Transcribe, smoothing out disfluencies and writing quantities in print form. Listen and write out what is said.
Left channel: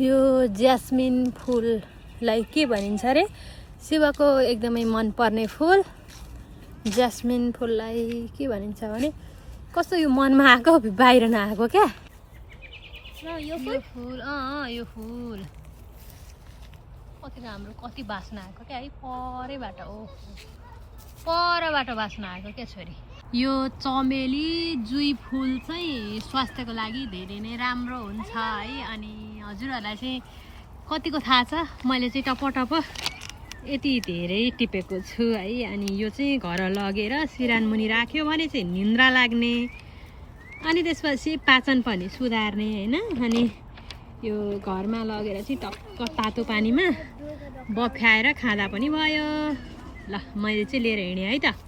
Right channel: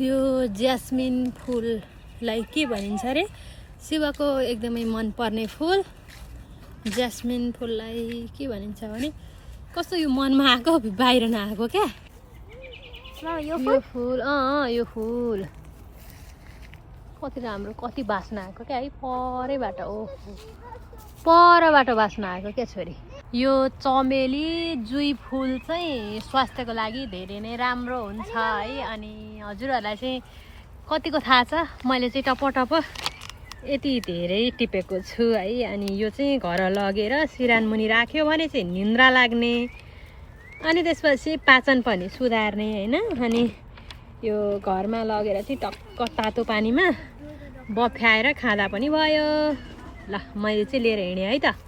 यो ज्यास्मिन फुललाई के भनिन्छ अरे? शिवको एकदमै मनपर्ने फुल। ज्यास्मिन फुललाई के भनिन्छ भने कस्तो यो मनमा आएको बाहिर नआएको क्या। यो फुल यो फुल कति राम्रो, कति बास्ना आएको क्या है परैबाट। परबाट बास्ना आएको क्या छोरी। यो चमेली जुई फुल चाहिँ स्वास्थ्यको लागि धेरै नै राम्रो हुन्छ है। अनि हजुरहरूलाई चाहिँ कतिको थाहा छ, मैले चाहिँ टपटप यति धेरै टिपेको छु है। अनि यो चाहिँ घर लगेर सिरानमुनि राख्यो भने चाहिँ निन्द्रा लाग्ने, अनि त्यसपछि पाचन पनि सुधार्ने होइन। अनि यो घरमा लगेर चाहिँ टक्क तातो पानीमा बफ्याएर खाँदा पनि भयो। ल मैले चाहिँ लिएर हिँडेँ है त।